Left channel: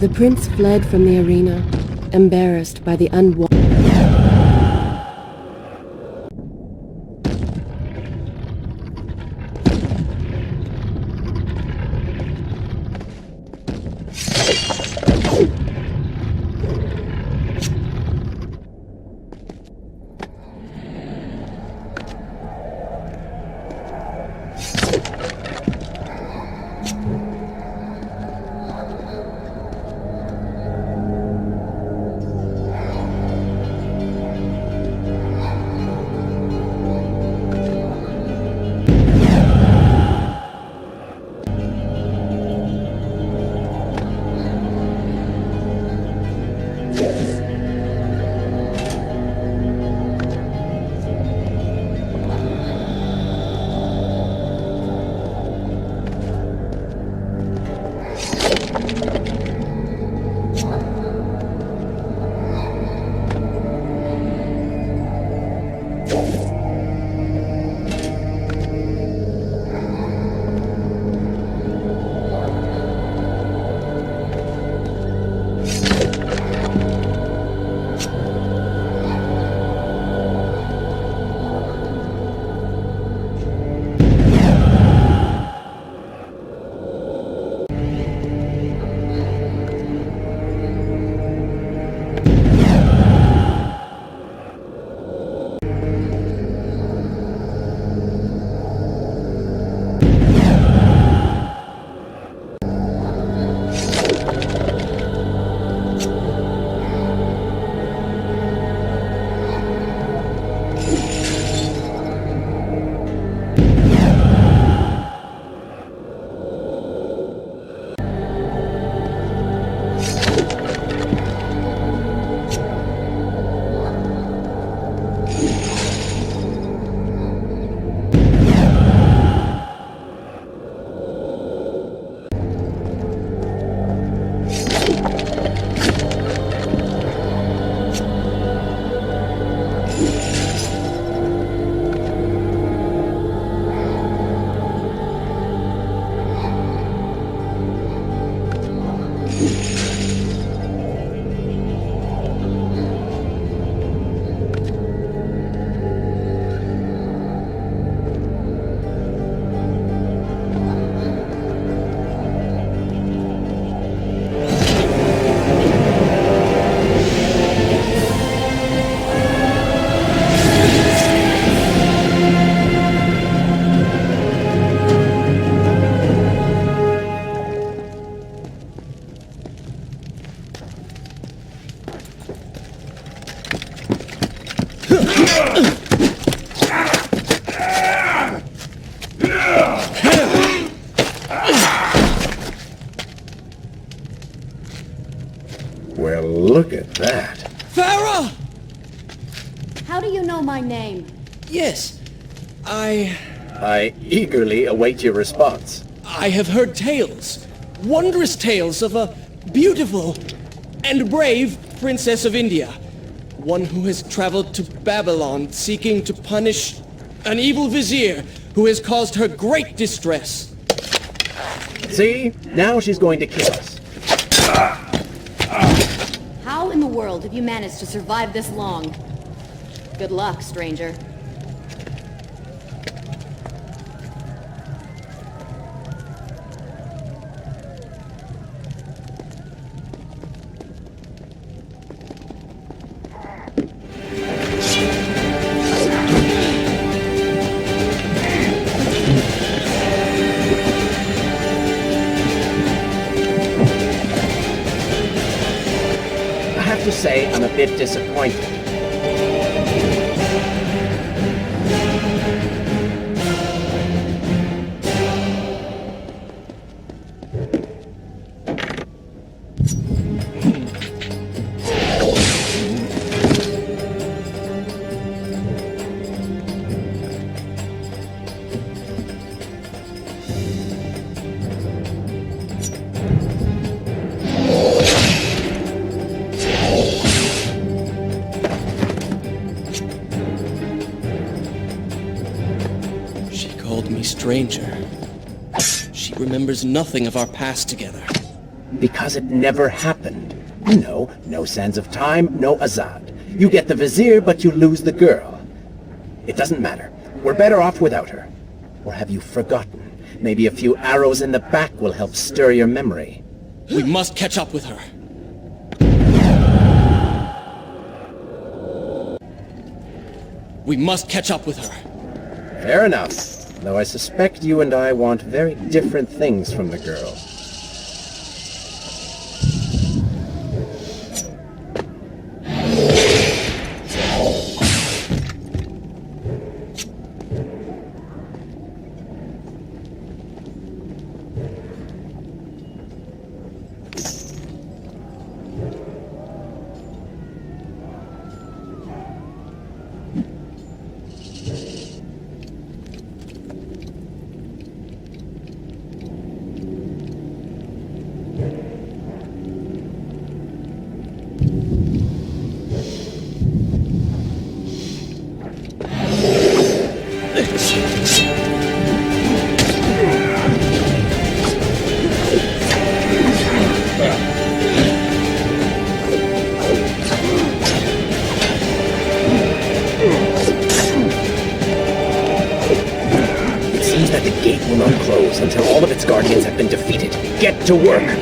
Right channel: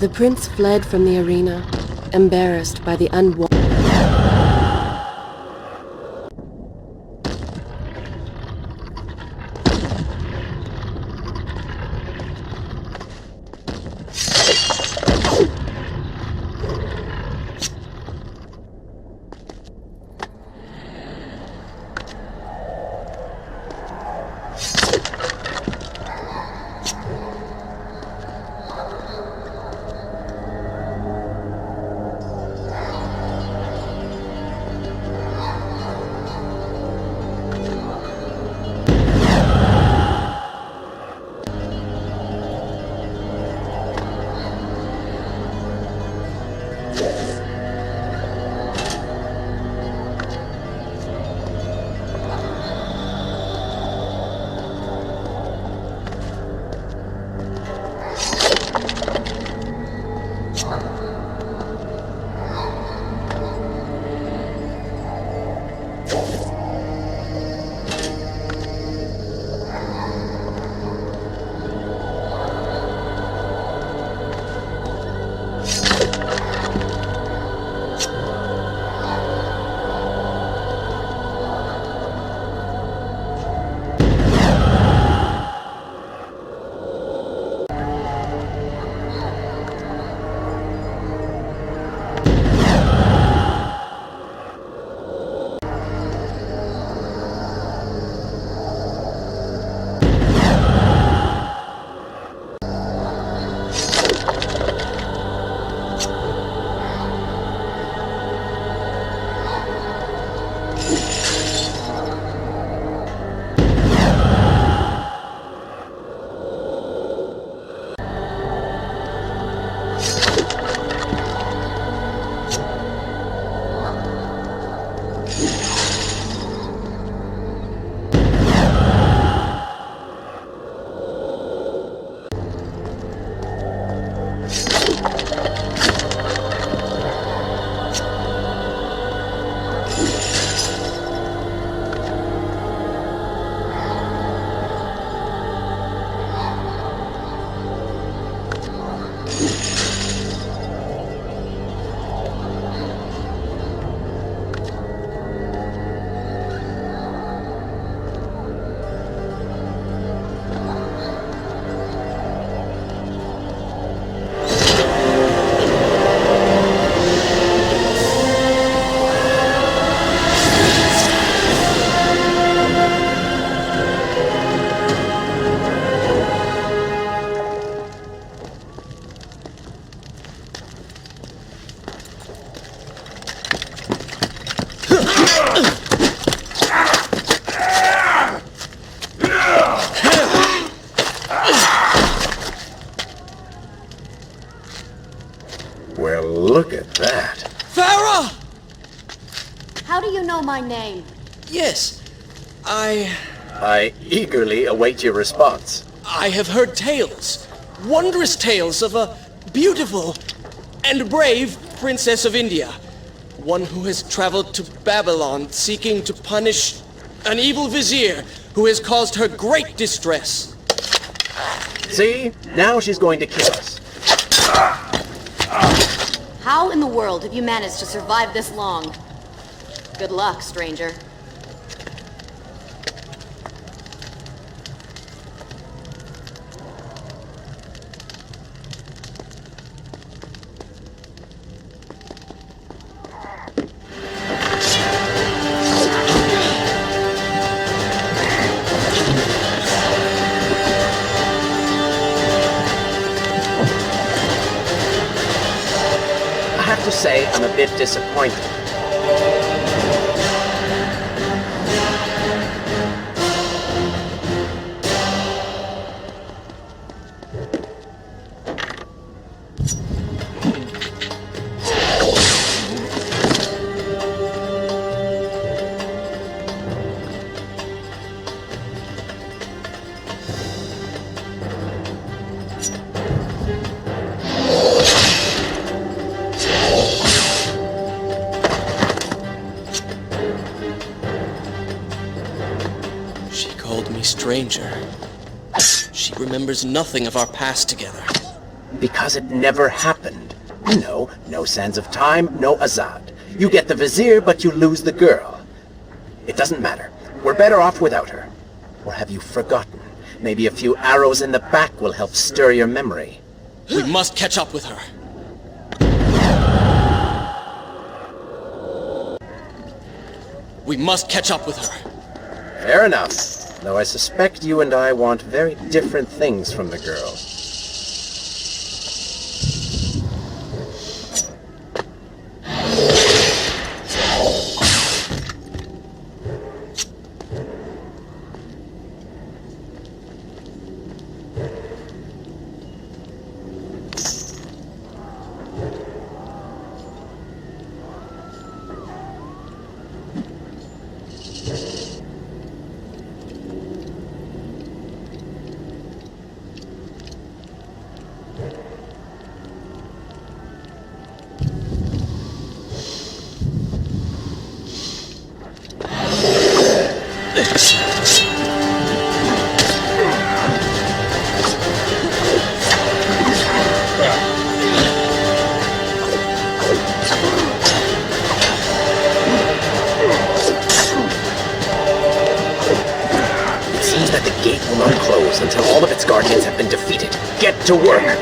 The prince fled from the arena, embarrassed by the unwanted. Well, look at that. Farah! How do you know my name? Yes, I eagerly await your response. I have heard tales, wondrous tales of a beautiful and brave princess of India. One who has traveled to Babylon seeking to punish an evil vizier who has caused her great distress. See? Now she's going to kill us. How in the world have you managed to survive this long? Good luck, stranger. I have have to say I'm a bit disappointed. She called me stranger. She remembers nothing of our past together. Because it never happened. No sands of time, no Azad. You get the vizier, but you lose the girl. It doesn't matter. We're better off without her. Or have you forgotten? Maybe a few arrows in the back will help stir your memory. We must catch up with her. We must catch up with her. Fair enough. Though I suspect you and I want very different things from the girl. Seems that the gate will not close until all of its guardians have been defeated. Get to work!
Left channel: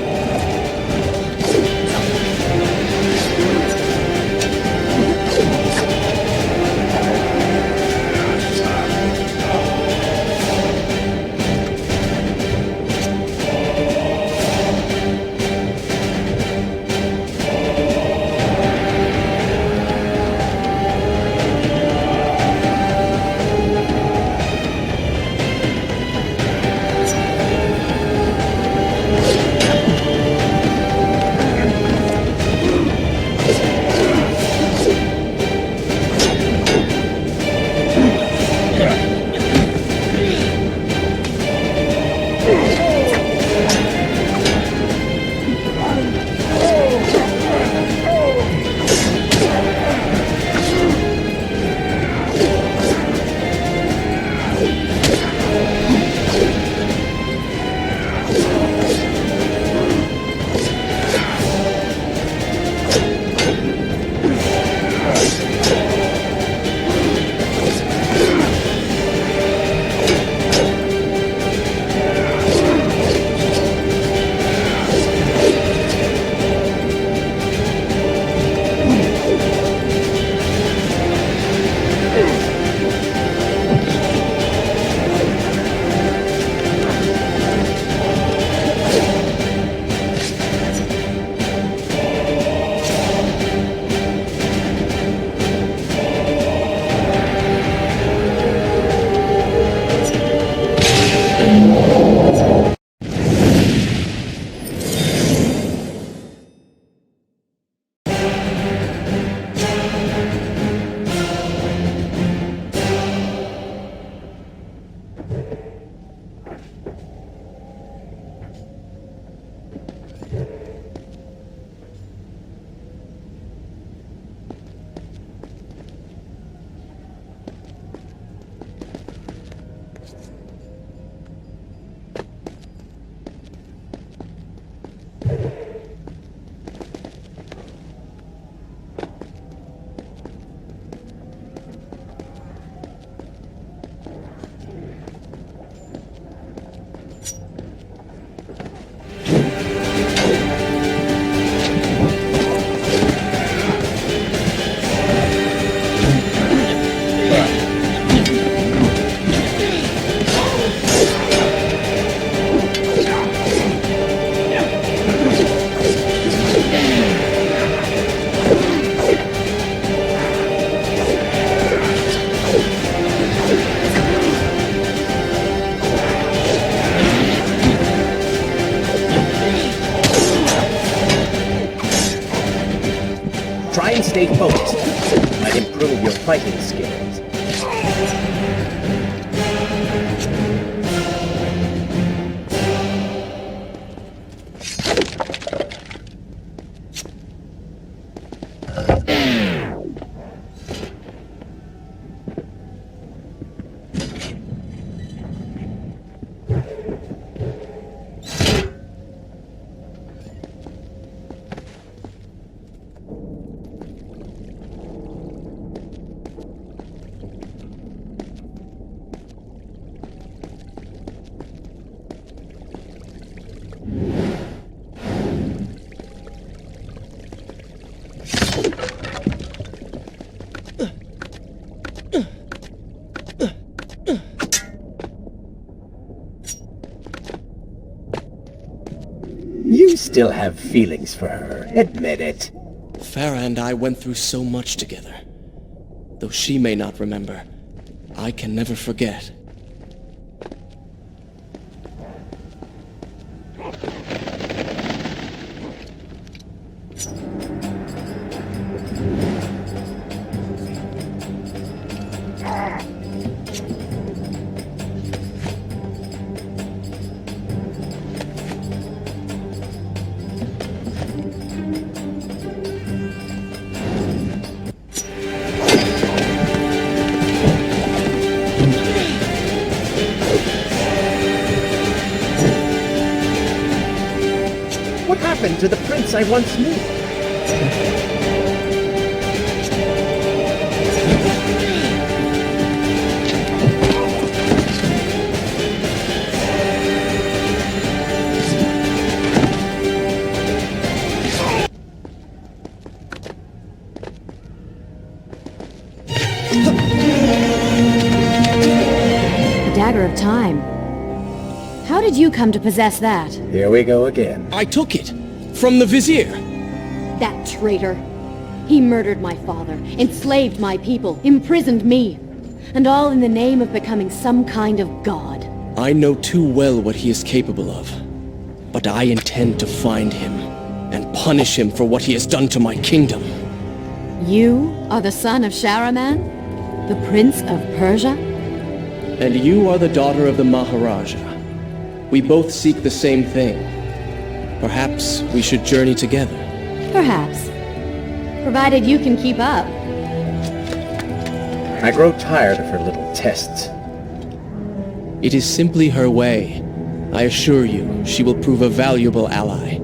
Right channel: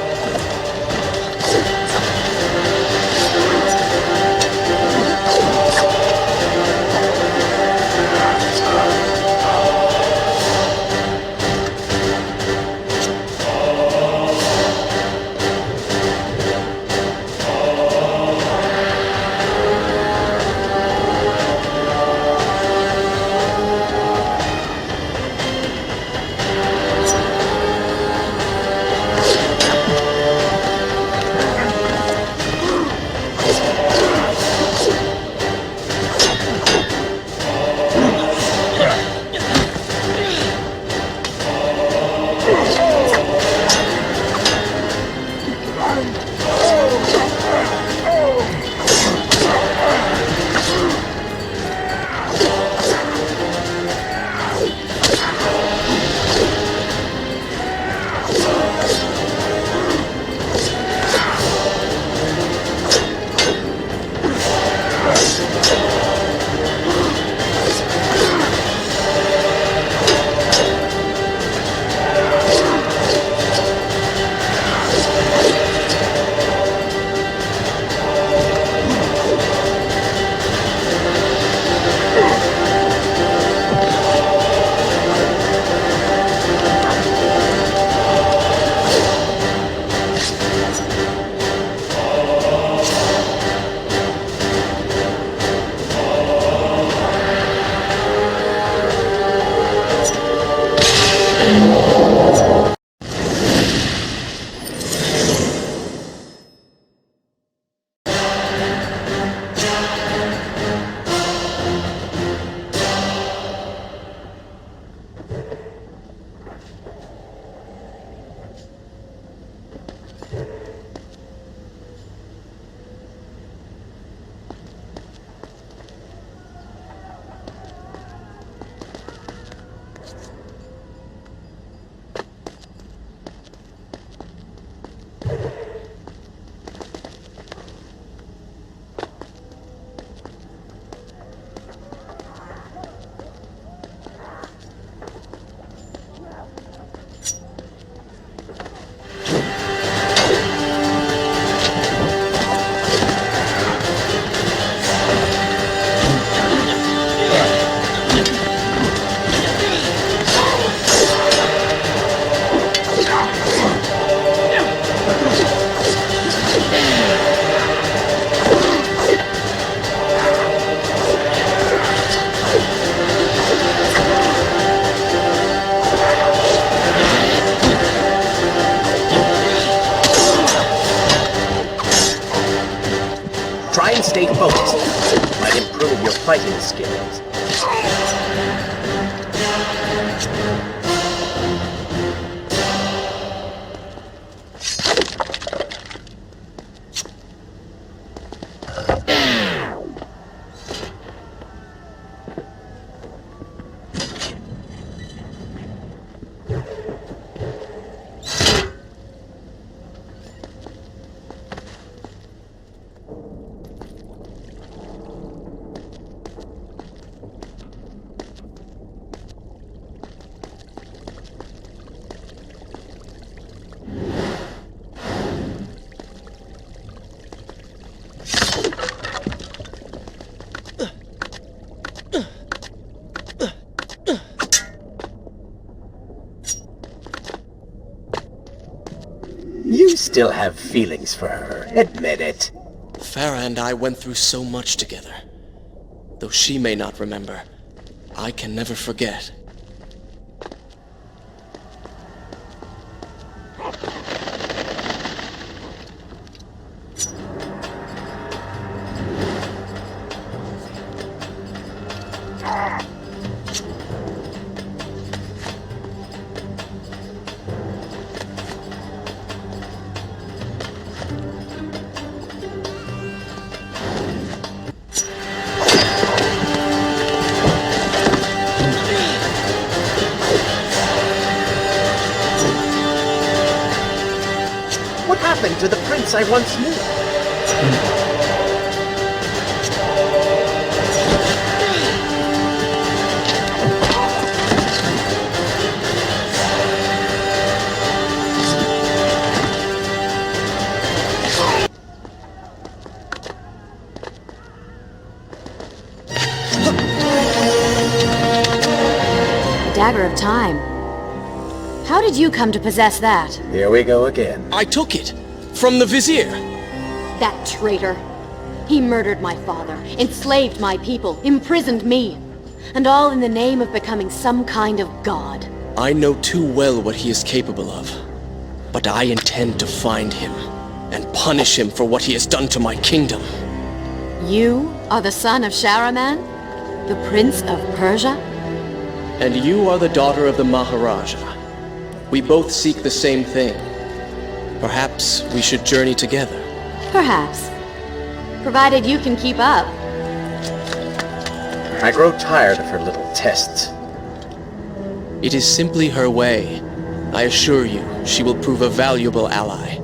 Try and stay focused. It might improve your fighting skills. You still have feelings for her. Admit it. Farah and I went through so much together. Though she may not remember, I can never forget. What happened to the prince I once knew? The Dagger of Time. How did you come to possess that? Here we go again. I took it from the Vizier. That traitor. He murdered my father, enslaved my people, imprisoned me. And all in the name of becoming some kind of god. I know too well what he is capable of. But I intend to find him and punish him for what he has done to my kingdom. You are the son of Shahraman? The Prince of Persia? And you are the daughter of the Maharaja. We both seek the same thing. Perhaps we should journey together. Perhaps. Provided you can keep up. I grow tired of her little tests. It is simply her way. I assure you, she will prove a valuable ally.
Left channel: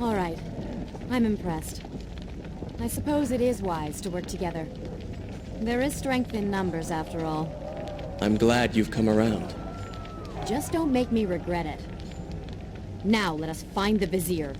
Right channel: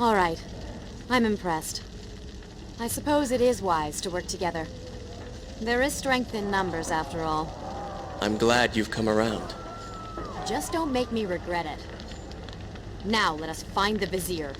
All right. I'm impressed. I suppose it is wise to work together. There is strength in numbers, after all. I'm glad you've come around. Just don't make me regret it. Now let us find the Vizier.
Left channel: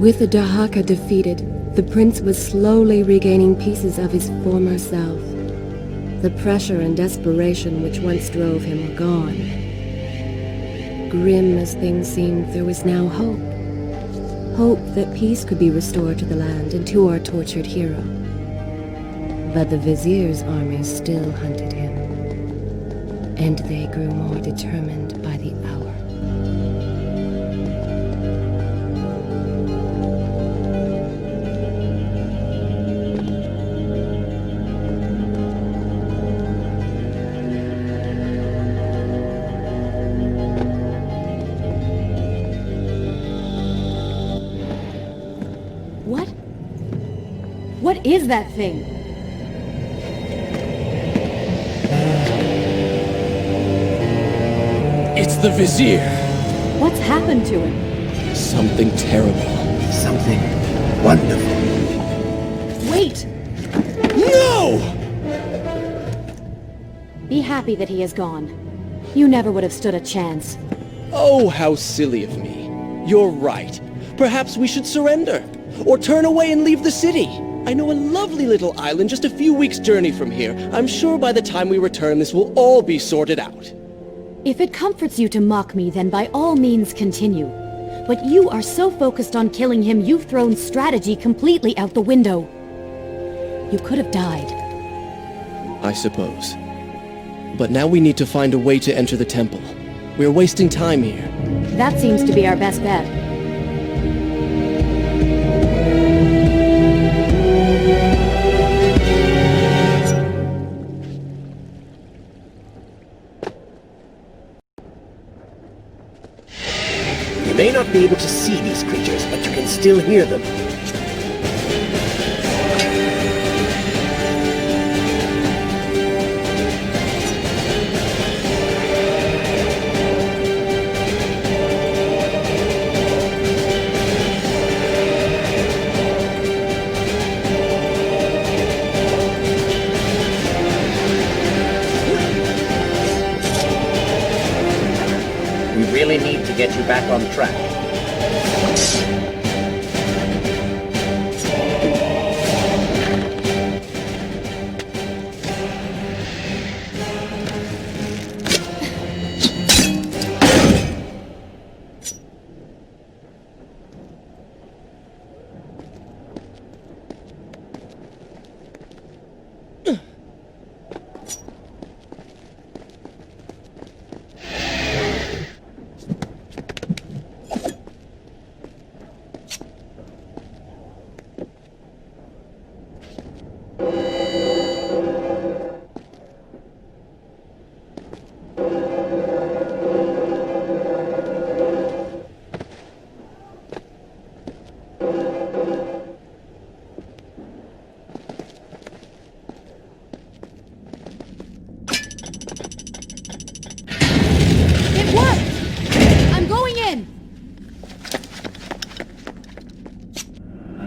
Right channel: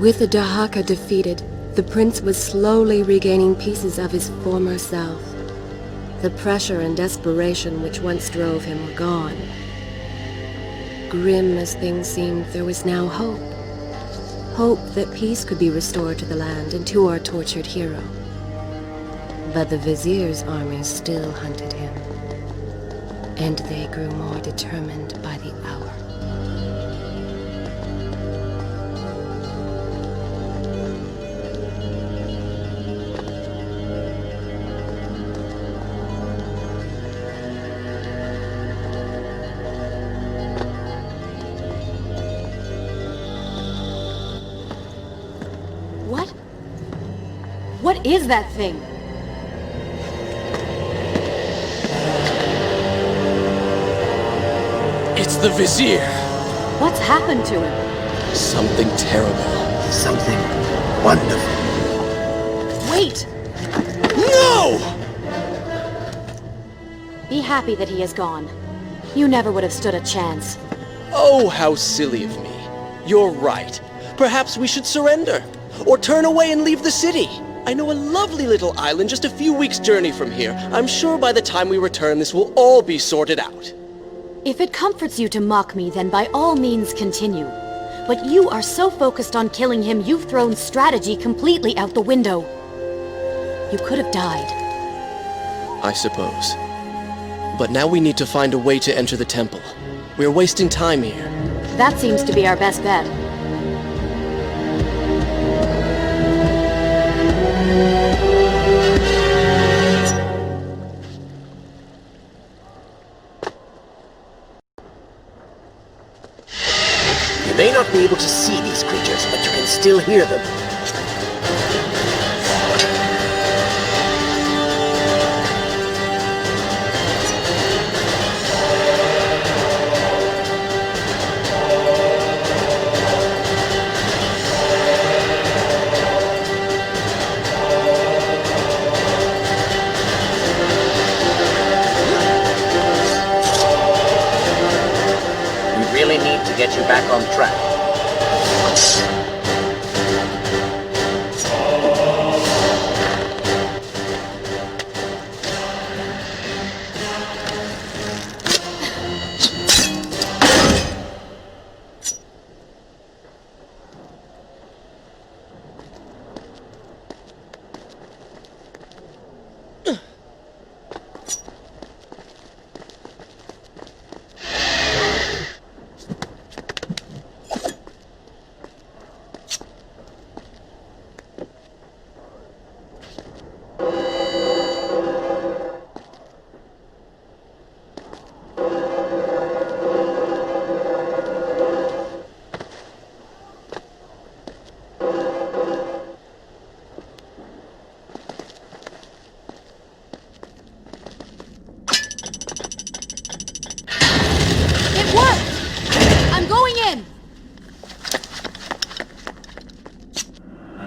With the Dahaka defeated, the prince was slowly regaining pieces of his former self. The pressure and desperation which once drove him were gone. Grim as things seemed, there was now hope. Hope that peace could be restored to the land and to our tortured hero. But the Vizier's army still hunted him, and they grew more determined by the hour. What is that thing? It's the Vizier. What's happened to him? Something terrible. Something wonderful. Wait! No! Be happy that he is gone. You never would have stood a chance. Oh, how silly of me. You're right. Perhaps we should surrender. Or turn away and leave the city. I know a lovely little island just a few weeks' journey from here. I'm sure by the time we return, this will all be sorted out. If it comforts you to mock me, then by all means continue. But you are so focused on killing him, you've thrown strategy completely out the window. You could have died. I suppose. But now we need to find a way to enter the temple. We're wasting time here. That seems to be our best bet. You may not be able to see these creatures, but you can still hear them. We really need to get you back on track. It worked! I'm going in!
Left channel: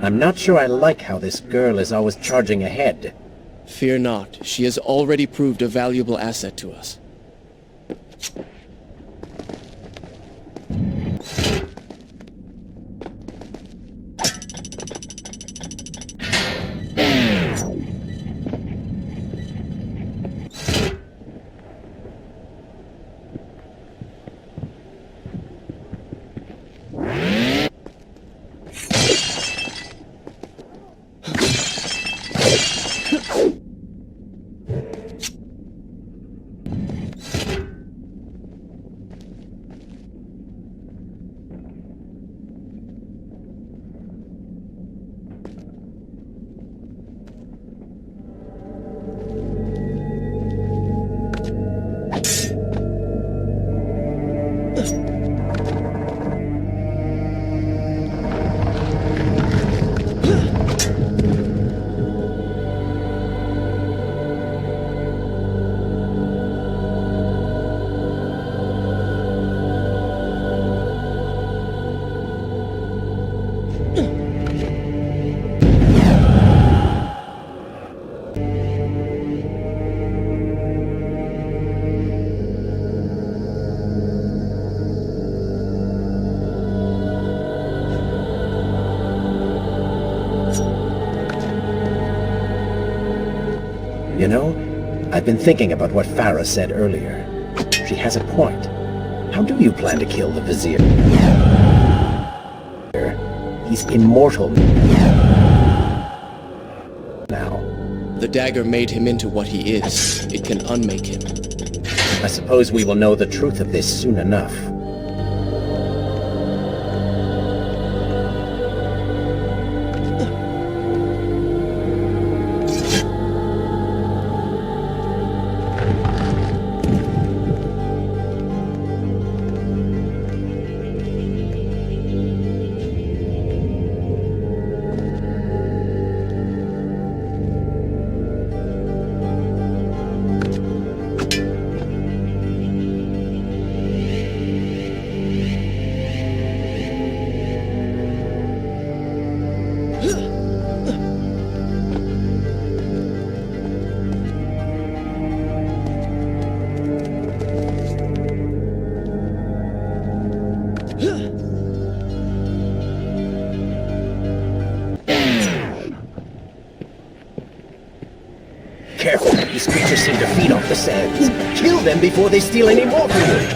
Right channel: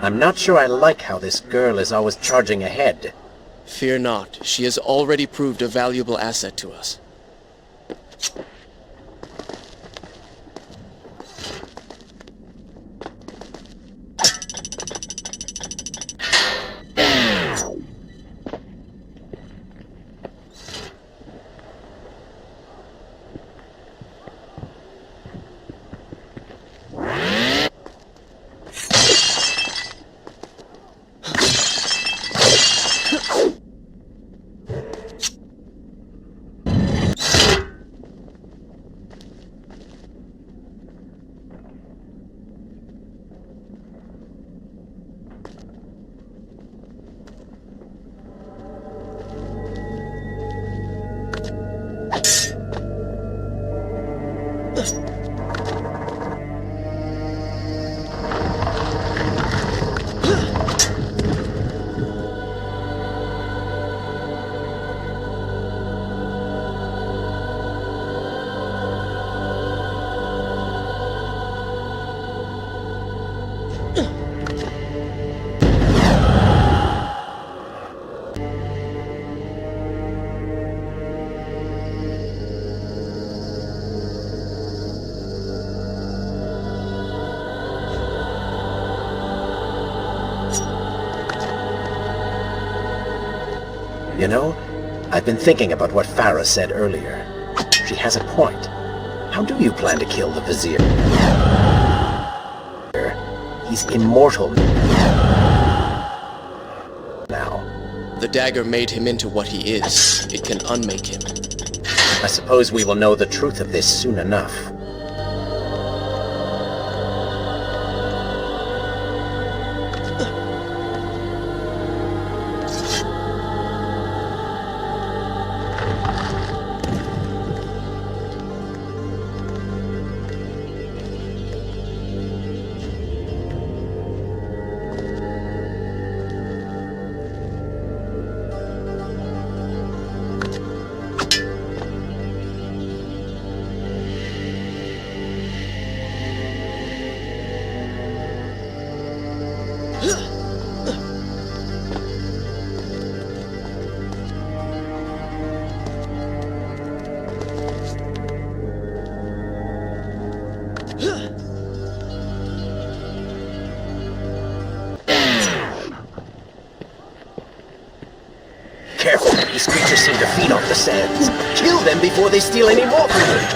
I'm not sure I like how this girl is always charging ahead. Fear not. She has already proved a valuable asset to us. You know, I've been thinking about what Farah said earlier. She has a point. How do you plan to kill the Vizier? He's immortal now. The dagger made him into what he is. It can unmake him. I suppose we will know the truth of this soon enough. Careful, these creatures seem to feed off the sands. Kill them before they steal any more from you.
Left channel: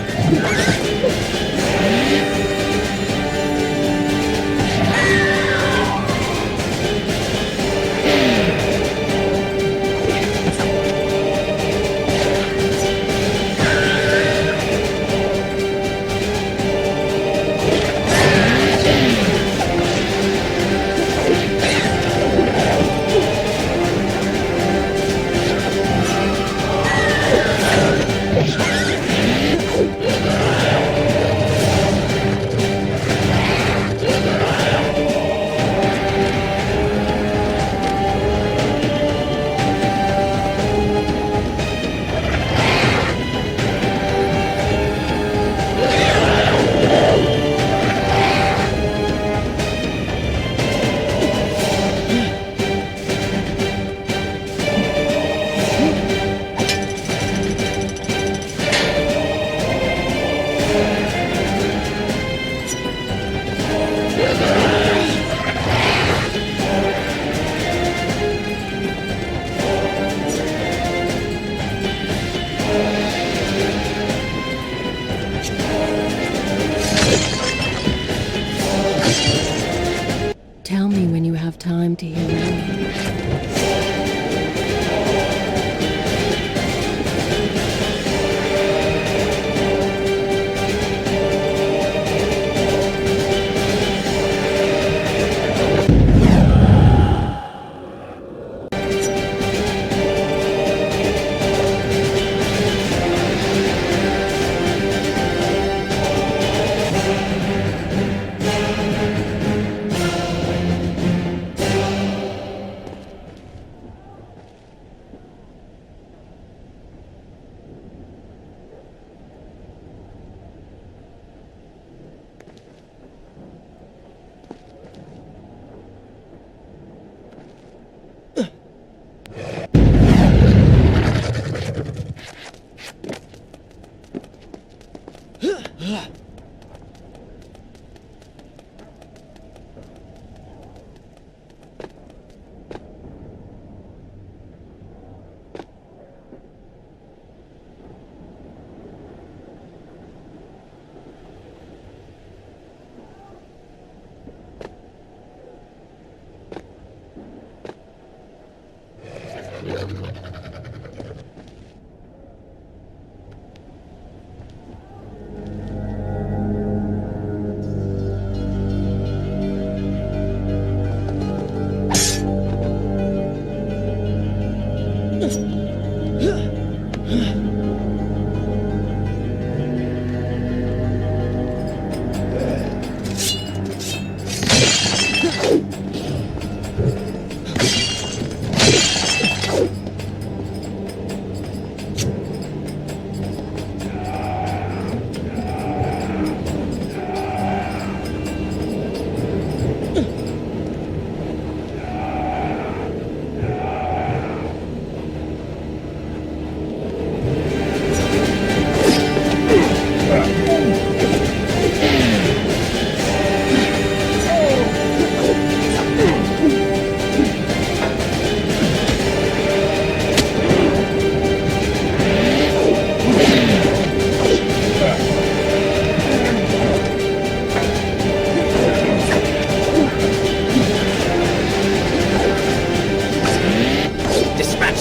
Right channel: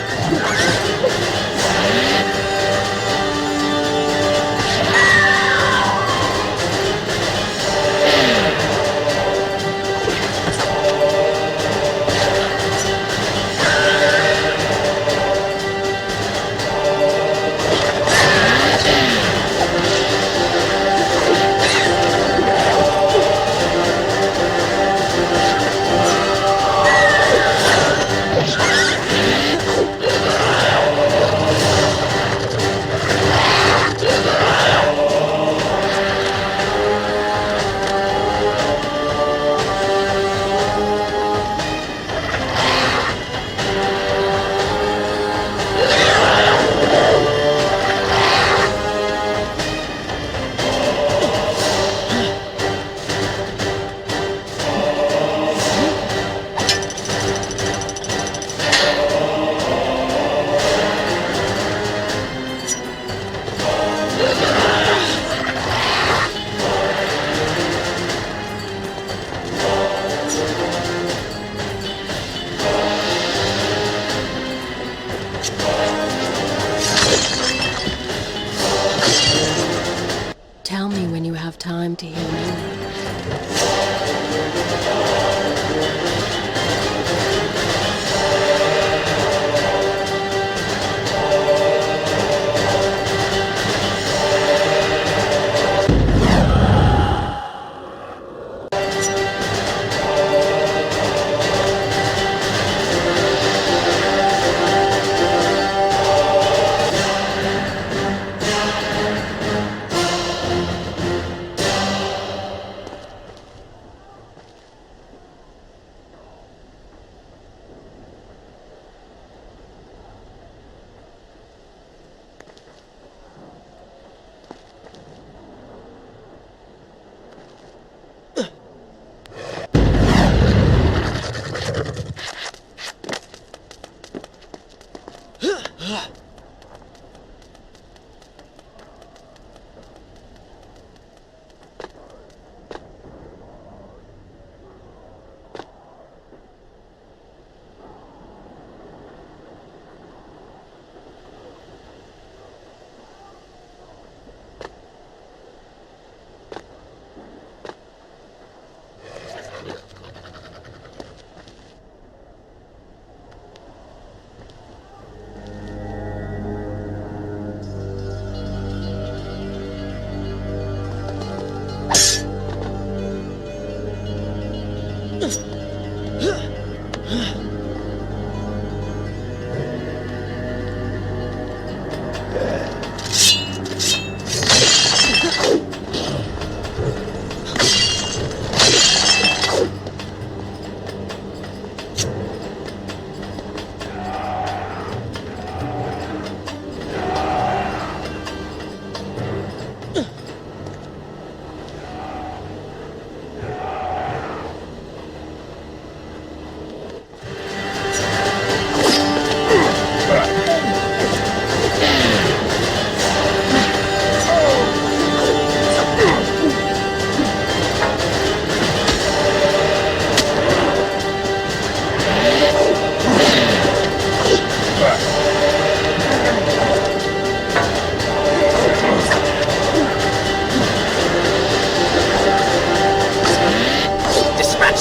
Tell me when you have time to hear me.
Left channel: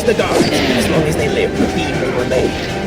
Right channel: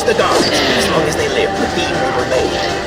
the guard. As long as they live, evil remains.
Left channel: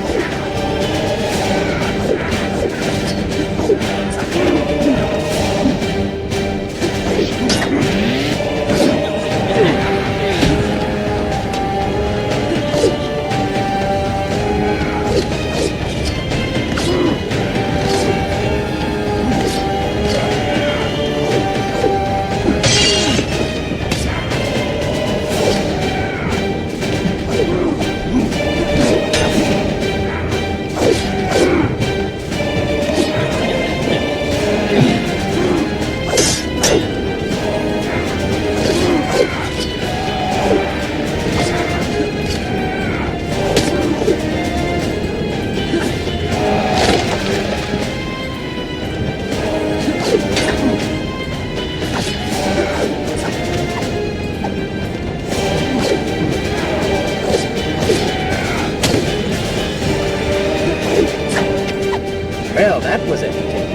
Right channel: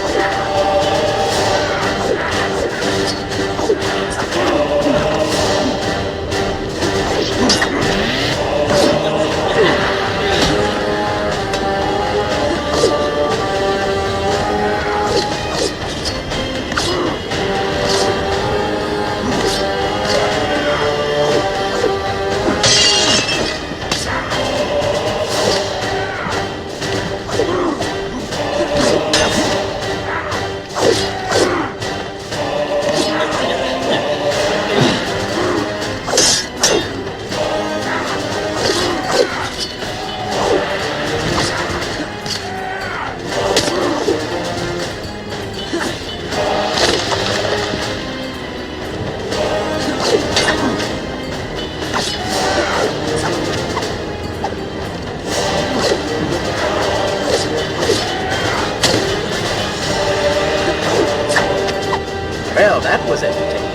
Well, that was entertaining.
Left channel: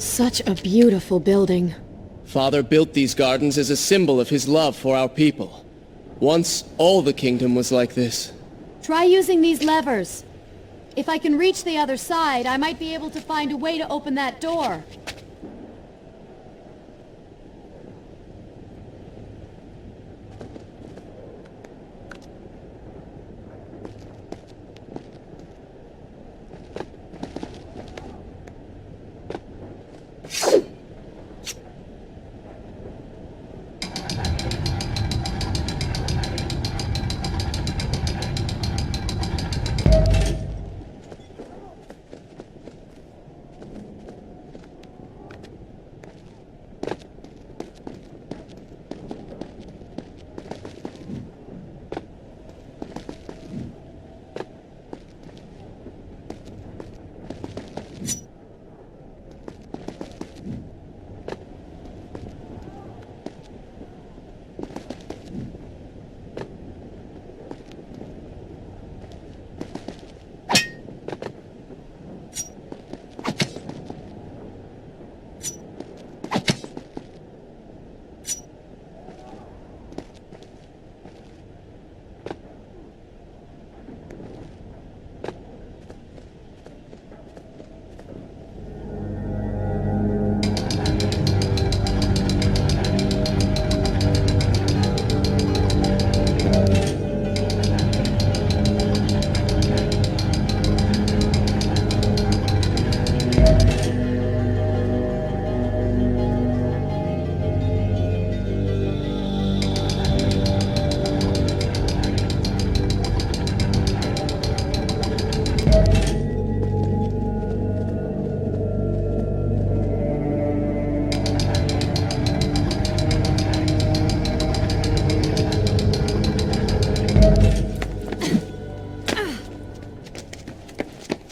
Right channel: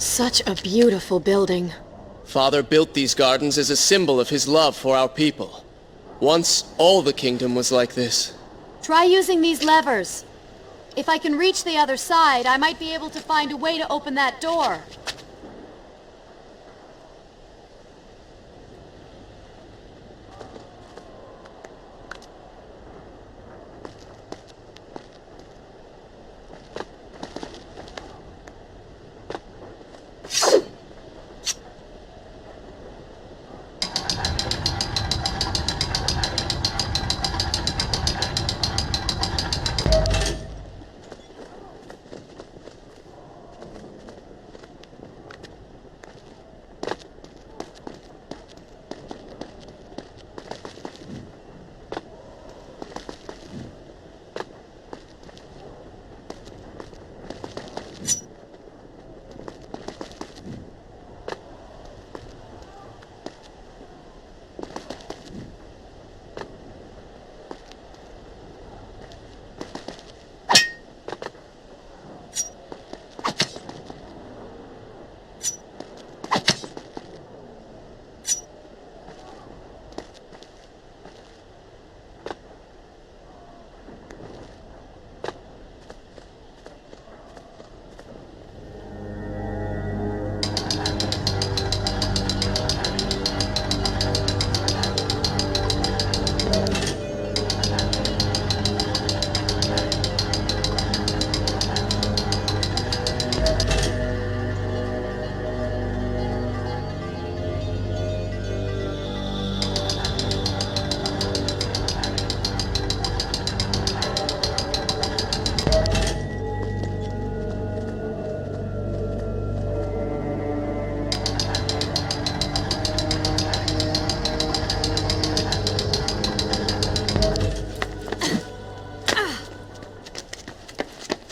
Such a beautiful building. Father built these gardens as a symbol of his love for our people. Once, all the kingdom was like this. Try using these levers. If I can reach the other side, I might be able to find a way to open that door.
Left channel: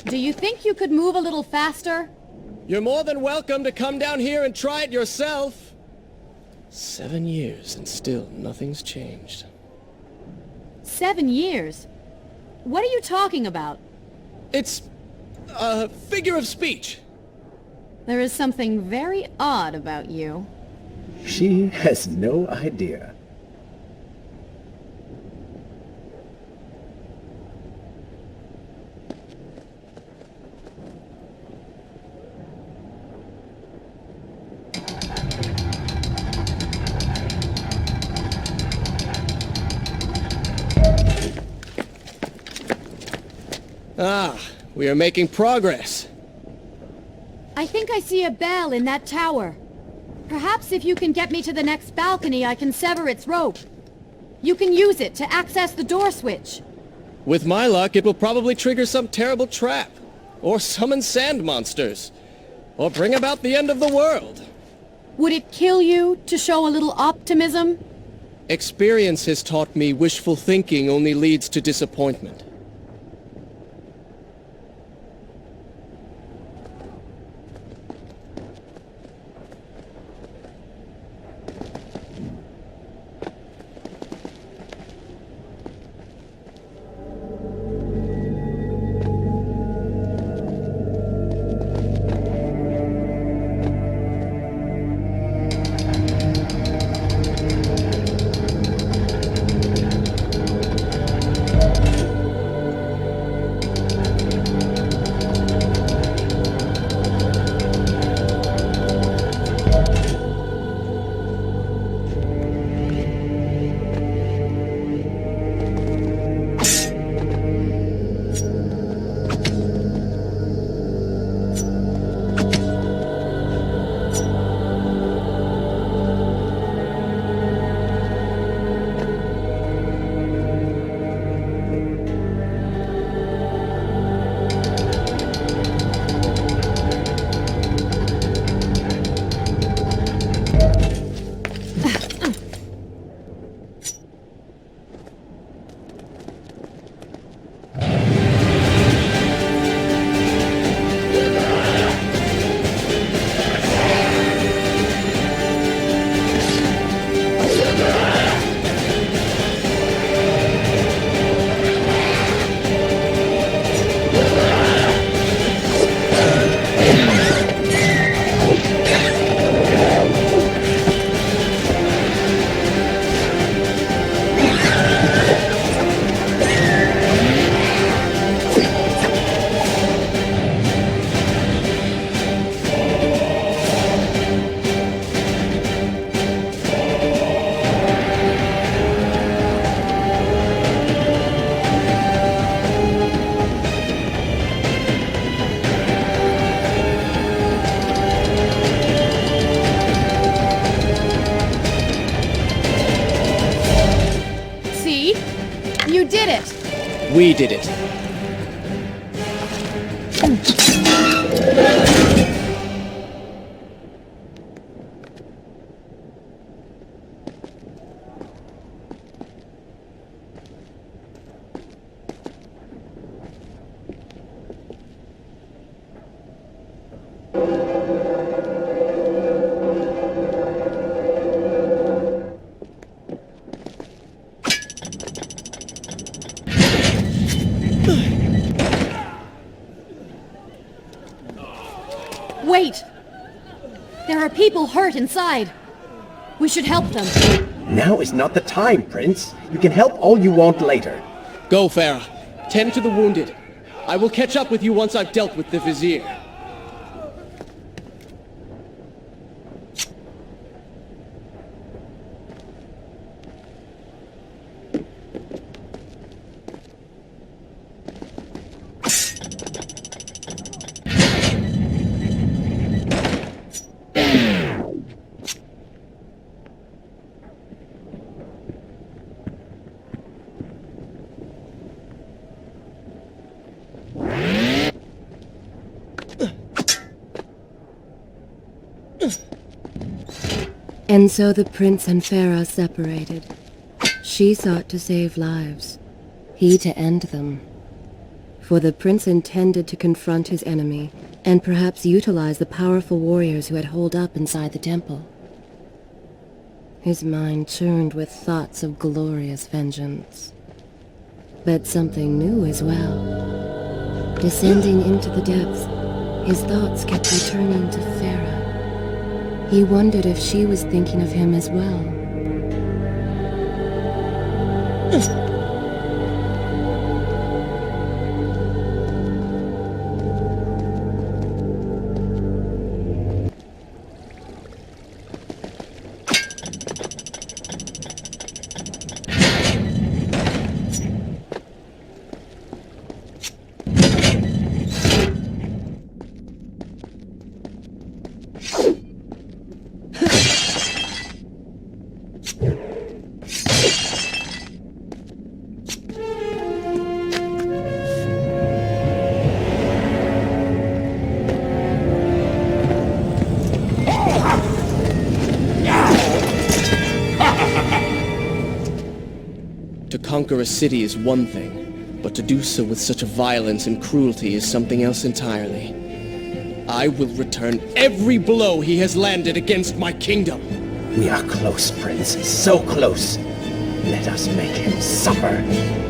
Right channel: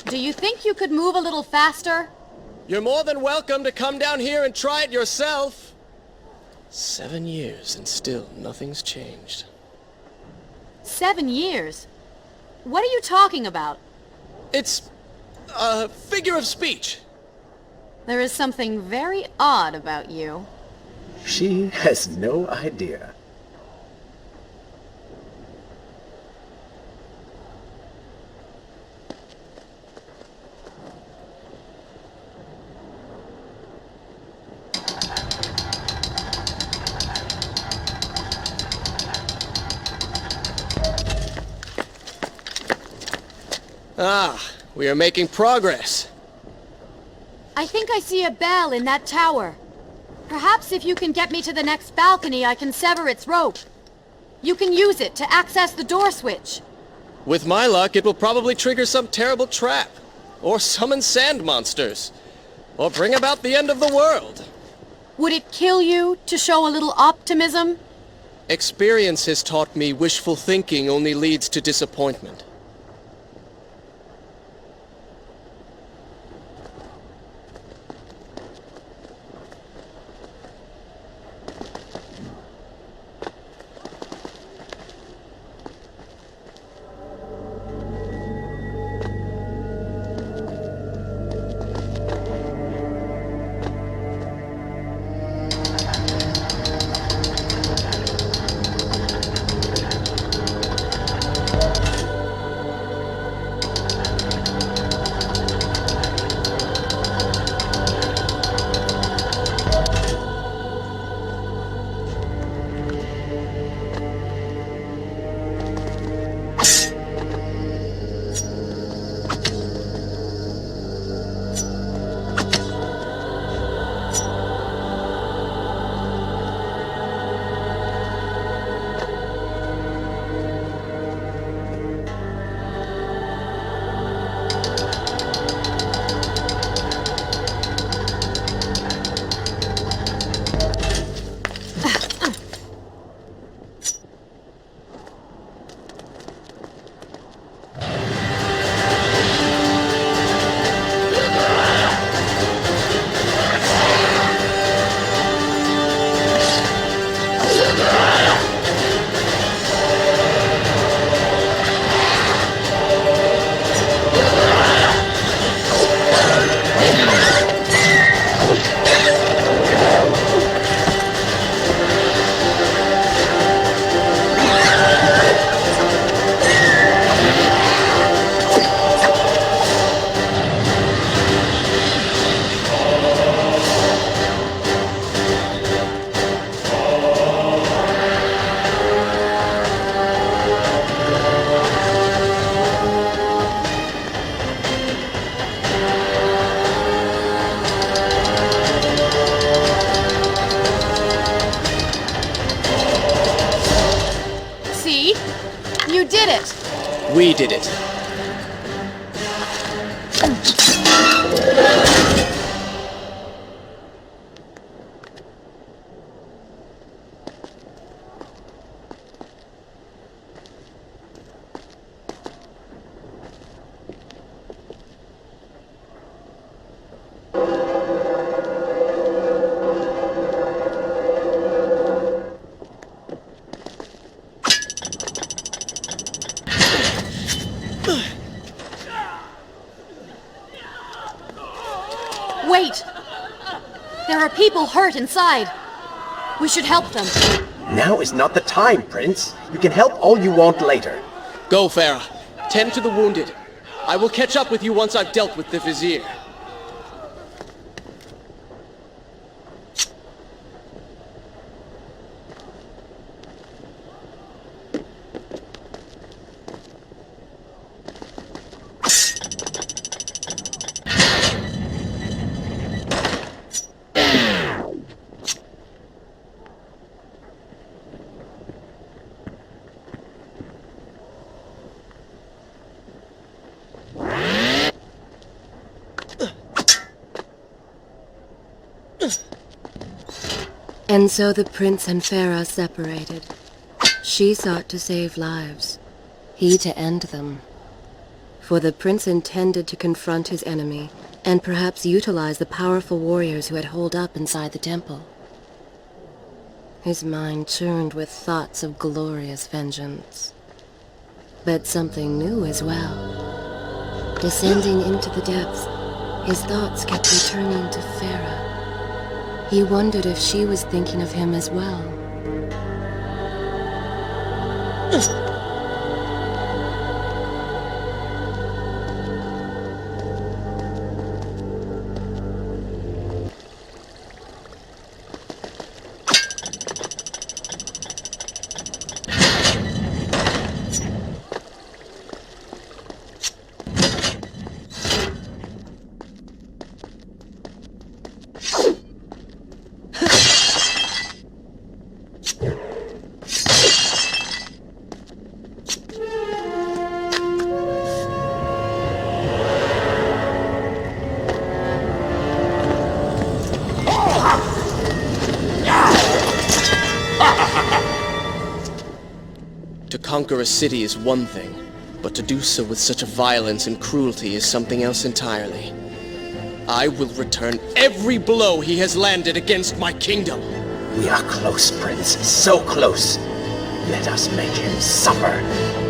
Do you think you could move a little faster? You're more than welcome to come down here and try it yourself. 7 years and still nothing's changed. 7 years? What are you talking about? It's a figure of speech. There is something very odd about you. She has no idea. Ah, we are making progress. I think I see a bell in that tower. Perhaps if you can get me to the next balcony, I can sever its rope. You can use it to access the door switch. With my luck, it will probably trigger some terrible trap. Or summon sand monsters. Or bring about the end of the world. Would it kill you to show a little optimism? Experience has taught me wishful thinking only leads to disappointment. You did it! We did it. Wait! There are people hurt inside. We should help them. Now is not the time, Prince. You can help all you want later. Go, Farah. Tend to the wounded. I will catch up with you once I've dealt with the Vizier. And so the prince and Farah separated. She sought to save lives, he to end them. For the prince intended to confront his enemy, and perhaps utilize the powerful warriors who had holed up inside the temple. His mind churned with thoughts of glorious vengeance. But something new as well. Descending into the depths, his thoughts kept returning to Farah. He wondered if she was thinking of him as well. conquer a city is one thing, but to do so with such violence and cruelty is something else entirely. I will return every blow he has landed against my kingdom. We are close, Prince. So close. Let us make him suffer.